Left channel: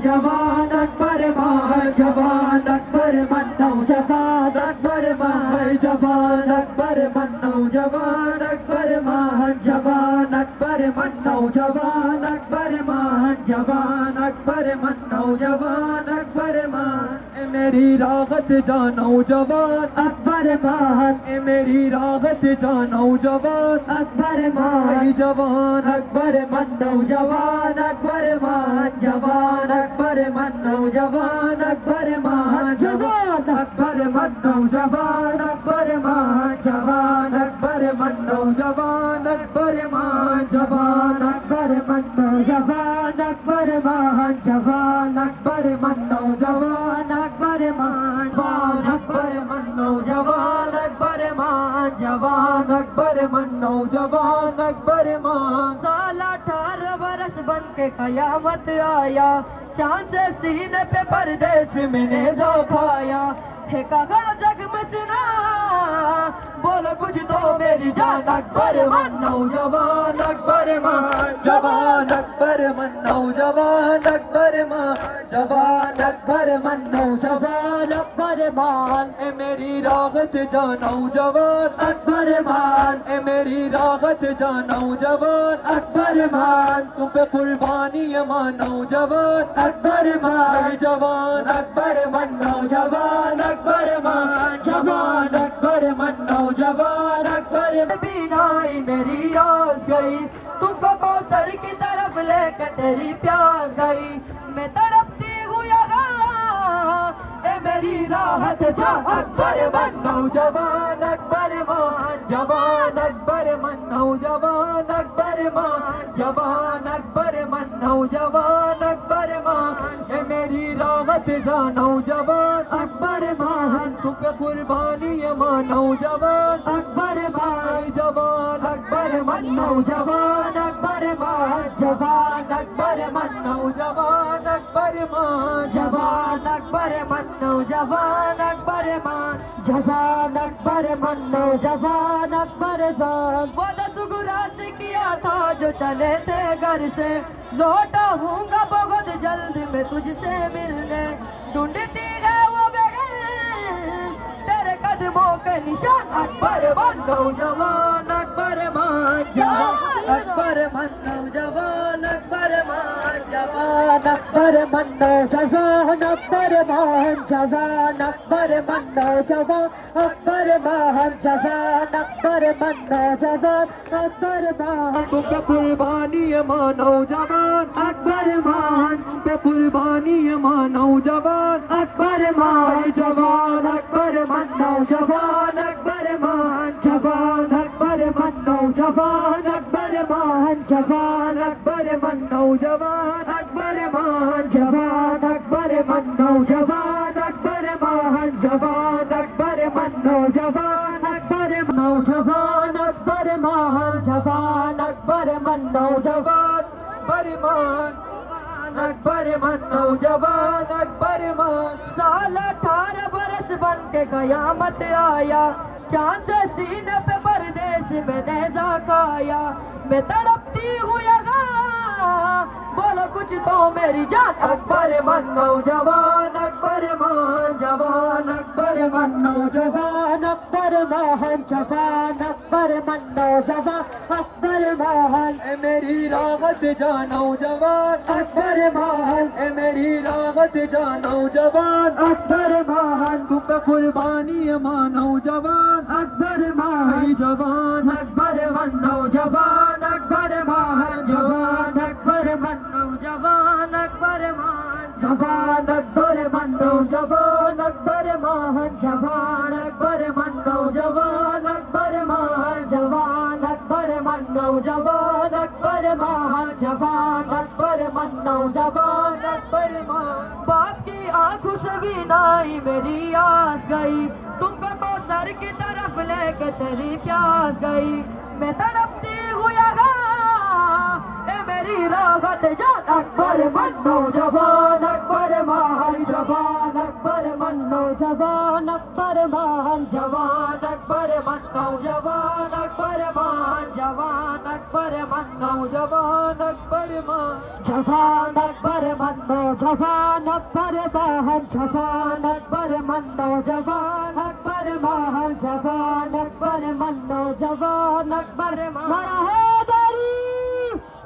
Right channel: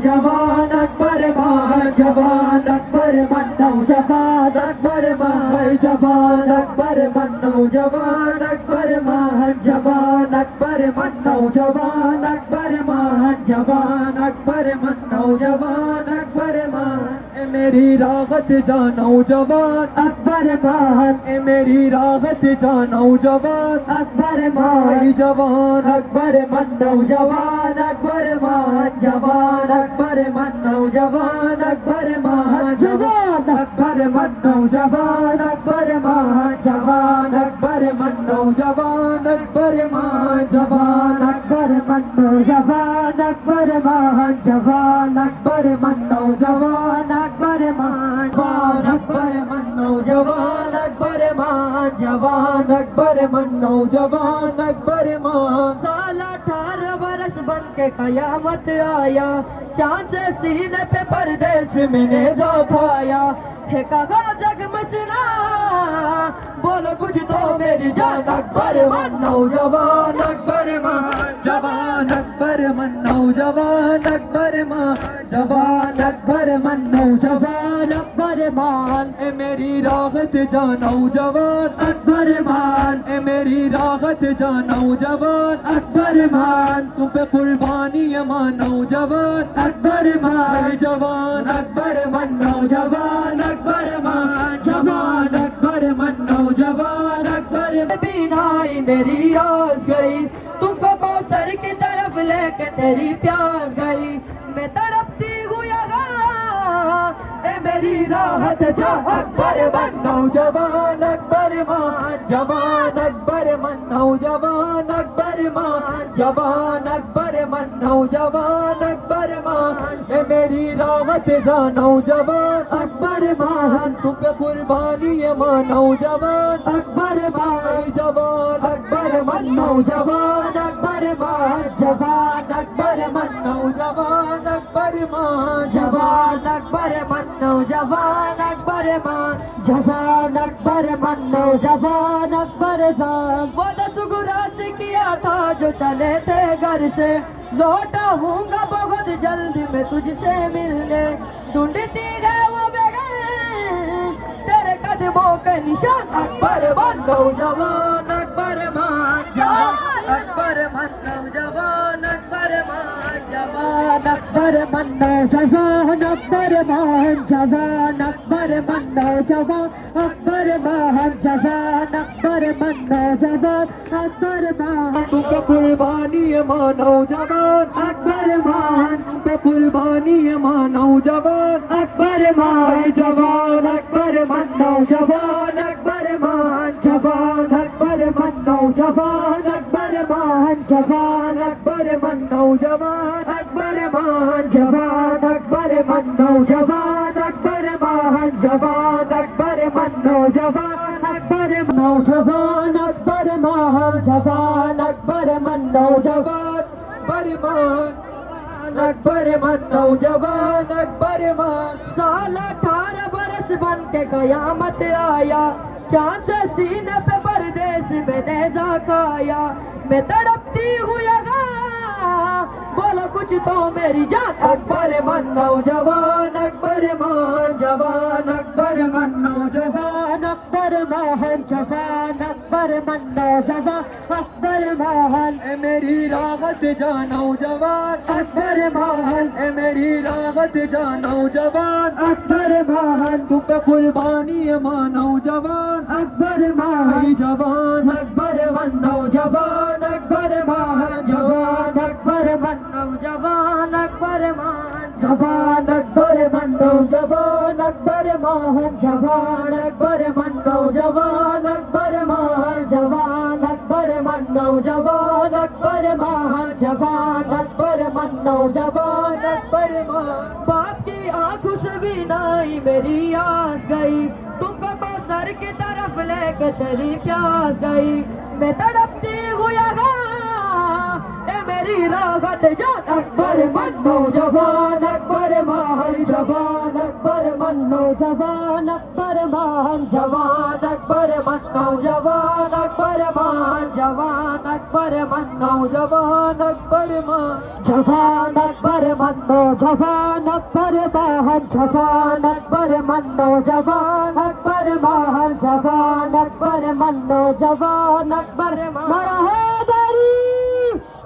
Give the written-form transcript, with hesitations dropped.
नौजवान अकबर मान जवान अकबर मन नौजवान अकबर मान जवान अकबर मन नौजवान अकबर मान जवान अकबर मन नौजवान अकबर मान जवान अकबर मन नौजवान अकबर मान ए मेरी राहत जा नौजवान अकबर मान ए मेरी राहत जा नौजवान अकबर मान जवान अकबर मन नौजवान अकबर मान जवान अकबर मन नौजवान अकबर मान जवान अकबर मन नौजवान अकबर मान जवान अकबर मन नौजवान अकबर मान जवान अकबर मन नौजवान अकबर मान जवान अकबर मन नौजवान अकबर मान अकबर मन नौजवान अकबर मान जवान अकबर मन नौजवान अकबर मान साल 18 बरस बन के कयामत आया, चांद से सीने पे परदेश में नेज़ा उठाया। है कहा जग में सुना, बोलो कुछ तो मेरी जान अकबर मन नौजवान अकबर मान जवान अकबर मन नौजवान अकबर मान जवान अकबर मन नौजवान अकबर मान ए मेरी राहत जा नौजवान अकबर मान ए मेरी राहत जा नौजवान अकबर मान तुम पे कुर्बानी मान नौजवान अकबर मान जवान अकबर मन नौजवान अकबर मान जवान अकबर मन नौजवान अकबर बीनाई मेरी आस गई, तुमको कौसर की तरफ लेके तेरी प्यास गई। मैं तड़पती हूँ यहाँ, ए मेरी राहत जा अकबर मन नौजवान अकबर मान जवान अकबर मन नौजवान अकबर मान जवान अकबर मन नौजवान अकबर मान ए मेरी राहत जा नौजवान अकबर मान तुम पे कुर्बानी मान नौजवान अकबर मान जवान अकबर मन नौजवान अकबर मान जवान अकबर मन नौजवान अकबर मान जवान अकबर मन नौजवान अकबर मान जवान अकबर मन नौजवान अकबर मान। वो दसगुरा से किया था जो चले थे घर से, लौटा हूँगा बहुत जल्दी मैं तुझसे मिलने। ढूंढती है वो बगल तेरे कदमों के निशान अकबर मन नौजवान अकबर मान जवान अकबर मन नौजवान अकबर मान जवान अकबर मन नौजवान अकबर मान जवान अकबर मन नौजवान अकबर मान जवान अकबर मन नौजवान अकबर मान तुम पे कुर्बानी मान नौजवान अकबर मान तुम पे कुर्बानी मान नौजवान अकबर मान जवान अकबर मन नौजवान अकबर मान जवान अकबर मन नौजवान अकबर मान जवान अकबर मन नौजवान अकबर मान जवान अकबर मन नौजवान अकबर मान जवान अकबर मन नौजवान अकबर नौजवान अकबर मान जवान अकबर मन नौजवान अकबर मन नौजवान अकबर मान साल 18 बरस बन के कयामत आया, चांद से सीने पे परदेश में नेज़ा खाया। मैं तड़पती हूँ यहाँ, बोलो कुछ तो मेरी जान अकबर मन नौजवान अकबर मान जवान अकबर मन नौजवान अकबर मान जवान अकबर मन नौजवान अकबर मान ए मेरी राहत जा नौजवान अकबर मान ए मेरी राहत जा नौजवान अकबर मान तुम पे कुर्बानी मान नौजवान अकबर मान जवान अकबर मन नौजवान अकबर मान जवान अकबर मन नौजवान अकबर मान जवान अकबर मन नौजवान अकबर मान जवान अकबर मन नौजवान अकबर मान जवान अकबर मन नौजवान अकबर मान जवान अकबर मन नौजवान अकबर मान। बाप की आंखों से भी नाई मेरी आस गई, तुमको कौसर की तरफ लेके तेरी प्यास गई। मैं तड़पती हूँ यहाँ, ए मेरी राहत जान अकबर मन नौजवान अकबर मान जवान अकबर मन नौजवान अकबर मान जवान अकबर मन नौजवान अकबर मान जवान अकबर मन नौजवान अकबर मान जवान अकबर मन जवान अकबर महान जवान अकबर मन्नो जवान अकबर महान जवान अकबर मन्नो जवान अकबर मारा है